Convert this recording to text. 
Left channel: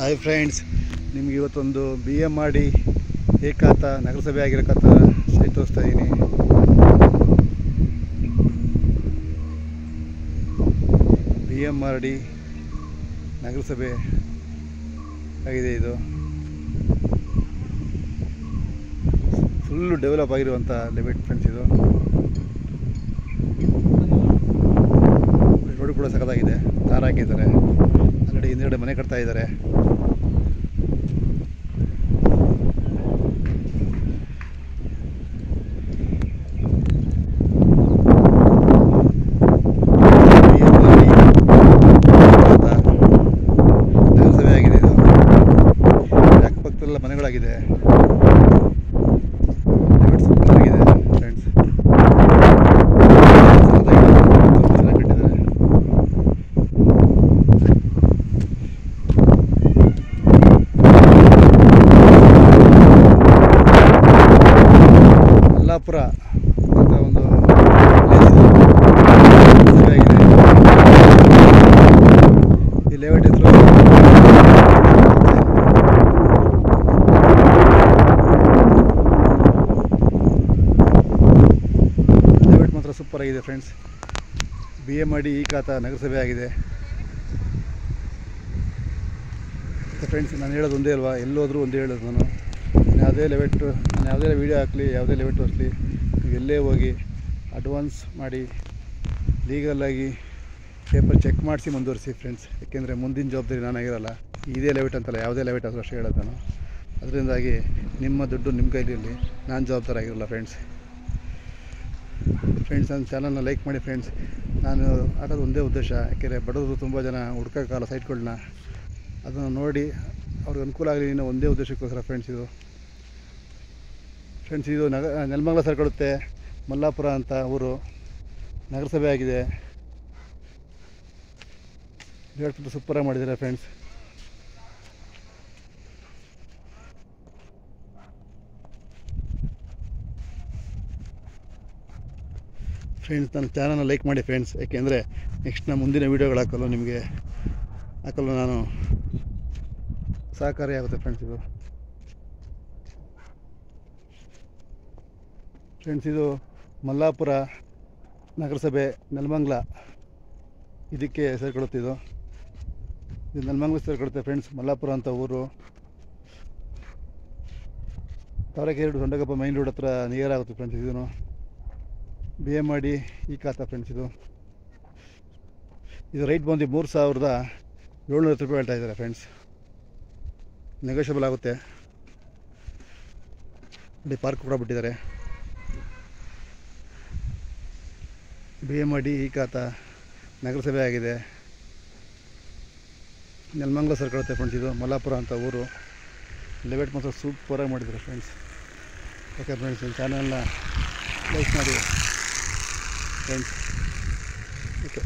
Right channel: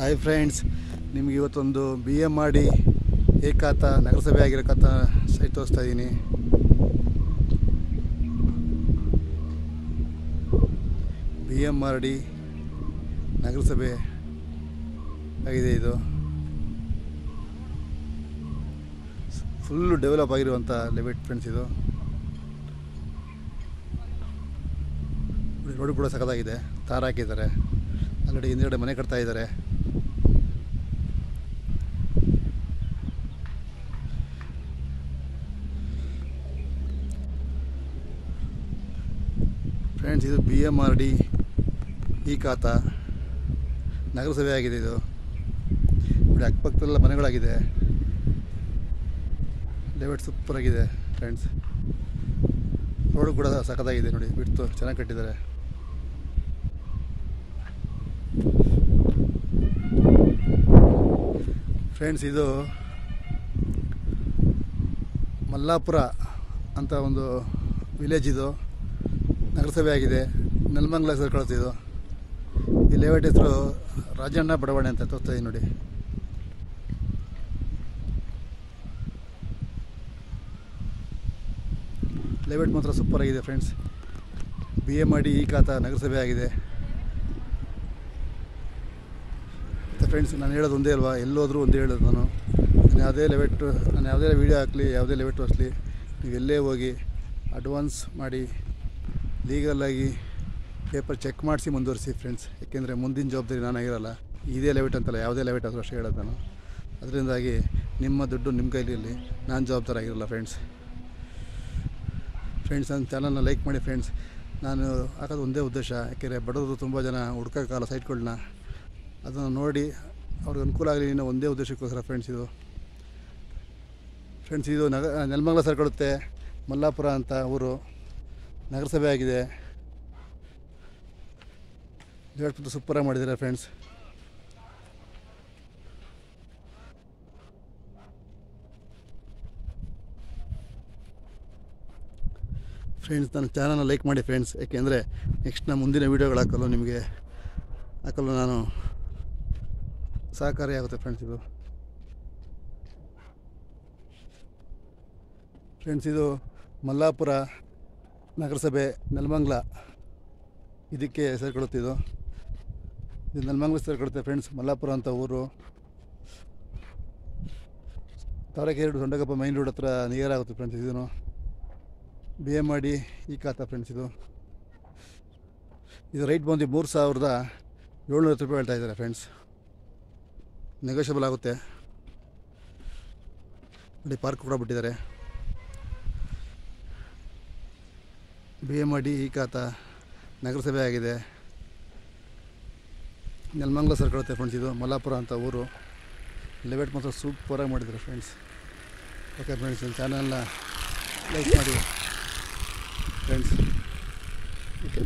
Hi friends, ನಿಮಗೆ ಇವತ್ತೊಂದು BMRD ಏಕಾತ ನಗರಸಭೆ ಆಗಿರೋಕತ್ತ ಸೈಟ್ ತೋರಿಸ್ತಾ ಇದ್ದೀನಿ. BMRD ನಗರಸಭೆ ಆಗಿದೆ. ಇದು ಫುಲ್ಲು ಡೆವಲಪ್ ಆಗಿರುವಂಥ ಲೆವೆಟ್ ಫ್ರೆಂಡ್ಸ್. ಇದು ರೋಡ್ ಕೂಡ ಸಖತ್ತಾಗಿದೆ, ತಾರ ಹಾಕಿದ್ದಾರೆ. ಆಲ್ರೆಡಿ ಹಿಂದುಗಡೆ ಮನೆ ಕಟ್ತಾ ಇದ್ದಾರೆ. BMRD ಏಕಾತ ನಗರಸಭೆ ಆಗಿದೆ. ಇದು ಅಕ್ಕಪಕ್ಕದಲ್ಲ ಮನೆಗಳಾಗಿದೆ. ಲೆವೆಟ್ ಸೂಪರ್ ಆಗಿದೆ ಫ್ರೆಂಡ್ಸ್, ಸಖತ್ತಾಗಿದೆ, ಚೆನ್ನಾಗಿ ಕಟ್ಟಿದ್ದಾರೆ. ಮಲ್ಲಾಪುರ ಅಂತ ಒಂದು ವಿಲೇಜ್ ಇದು ನಗರಸಭೆ ಆಗಿದೆ. ಈ ಲೇಔಟ್ ಹೆಸರು ಲೇಔಟ್ ಮಾತ್ರ ಸೂಪರ್ ಆಗಿದೆ ಫ್ರೆಂಡ್ಸ್. BMRD ಏಕಾತ ನಗರಸಭೆ ಆಗಿದೆ ಫ್ರೆಂಡ್ಸ್. ನಾನು ಹೇಳೋದು ಒಂದೇ ಅಲ್ವಾ, ಎಲ್ಲೋದ್ರೂ ಒಂದೇ ಹೇಳೋದು. ನಾನು ಯಾವುದೇ ಲೆವೆಟ್ಟು, ನಾನು ಯಾವುದೇ ವೀಡಿಯೋ ಹಾಕಲಿ, ಯಾವುದೇ ಲೆವೆಟ್ ತೋರಿಸಲಿ, ನೀವು ಎಲ್ಲೇ ಹೋಗಿ ಅಡ್ವಾನ್ಸ್ ಮಾಡಿ ಲೀಗಲಾಗಿ ಪೇಪರ್ ಚೆಕ್ ಮಾಡಿಸಿ ಮುಂದುವರಿಸಿ ಫ್ರೆಂಡ್ಸ್. ಯಾಕೆಂದರೆ ಮುಂದಿನ ಜವಾಬ್ದಾರಿ ನಾನಾಗಿರಲ್ಲ. ಇದೇ ಲೆವೆಟ್ ಅಂತಲ್ಲ, ಯಾವುದೇ ಲೆವೆಟ್ ಆದರೂ ಅಷ್ಟೇ ಹೇಳೋದು ನಾನು. ಅದರಿಂದಾಗಿ ನಿಮ್ಮ ದುಡ್ಡು ನಿಮ್ಮ ಕೈಲಿರಲಿ, ನಾನು ಜವಾಬ್ದಾರಾಗಿರಲ್ಲ ಫ್ರೆಂಡ್ಸ್. ನನ್ನ ಚಾನಲ್ನ ಲೈಕ್ ಮಾಡಿ ಫ್ರೆಂಡ್ಸ್. ನಾನು ಹಾಕೋದು ಒಂದೇ ಉದ್ದೇಶ, ಯಾಕೆಂದರೆ ಬಡವರು ತುಂಬ ಜನ ಹುಡ್ಕೋಕ್ಕಾಗಲ್ಲ ಸೈಟ್ಗಳನ್ನ. ಅದನ್ನು ನೋಡಿ ಅವ್ರಿಗೆ ಅನುಕೂಲ ಆಗಲಿ ಅನ್ನೋ ಒಂದೇ ಉದ್ದೇಶಕ್ಕೋಸ್ಕರ ಫ್ರೆಂಡ್ಸ್. ಇದು ನೆಲಮಂಗಲ ಸೇರ್ಕೊಳ್ಳುತ್ತೆ. ಮಲ್ಲಾಪುರ ಅಂತ ಊರು ನಗರಸಭೆ ಆಗಿದೆ. ಹೇಳ್ಬಿಟ್ಟು ಸೂಪರಾಗಿ ಮಾಡಿದ್ದಾರೆ ಫ್ರೆಂಡ್ಸ್. ನನ್ನ ಚಾನಲ್ನ ಲೈಕ್ ಮಾಡಿ ಫ್ರೆಂಡ್ಸ್. ಯಾಕೆಂದರೆ ನೆಕ್ಸ್ಟ್ ನಾನು ಮುಂದಿನ ವೀಡಿಯೋಗಳು ಹಾಕಲು ನಾನು ಸಹಕಾರಿಯಾಗುತ್ತೆ ಫ್ರೆಂಡ್ಸ್. ಇದು ಮಲ್ಲಾಪುರ ನಗರಸಭೆ ನೆಲಮಂಗಲ ಇದಕ್ಕೆ ಸೇರ್ಕೊಳ್ಳುತ್ತೆ. ಇದು ನೆಲಮಂಗಲ ಸೇರ್ಕೊಳ್ಳುತ್ತೆ ಫ್ರೆಂಡ್ಸ್. ಮಲ್ಲಾಪುರ ಅಂತ ಊರು ತಾವರೆಕೆರೆ ಸೊಂಡಗಪ್ಪ ಮೈನ್ ರೋಡ್ ಹತ್ರ ನಿಯರ್ ಆಗುತ್ತೆ ಫ್ರೆಂಡ್ಸ್. ಇದನ್ನು BMRD ಏಕಾತ ಫ್ರೆಂಡ್ಸ್. ಇದು ರೈಟ್ ಬಂದು 3750 ರೂಪಾಯಿ ಹೇಳ್ತಾ ಇದ್ದಾರೆ ಫ್ರೆಂಡ್ಸ್. ನೆಗೋಷಿಯಬಲ್ ಆಗುತ್ತೆ. ನೋಡಿ, ಪಾರ್ಕ್ ಕೂಡ ಬಿಟ್ಟಿದ್ದಾರೆ. BMRD ಏಕಾತ ನಗರಸಭೆ ಆಗಿದೆ. ನೆಲಮಂಗಲ ಸೇರ್ಕೊಳ್ಳುತ್ತೆ ಫ್ರೆಂಡ್ಸ್. ಇದು ಮಲ್ಲಾಪುರ ಅಂತ ಊರು. ಲೆವೆಟ್ ಮಾತ್ರ ಸೂಪರಾಗಿ ಮಾಡಿದ್ದಾರೆ ಫ್ರೆಂಡ್ಸ್. ಓಕೆ ಫ್ರೆಂಡ್ಸ್, ನನ್ನ ಚಾನಲ್ನ ಲೈಕ್ ಮಾಡಿ ಫ್ರೆಂಡ್ಸ್. ಓಕೆ.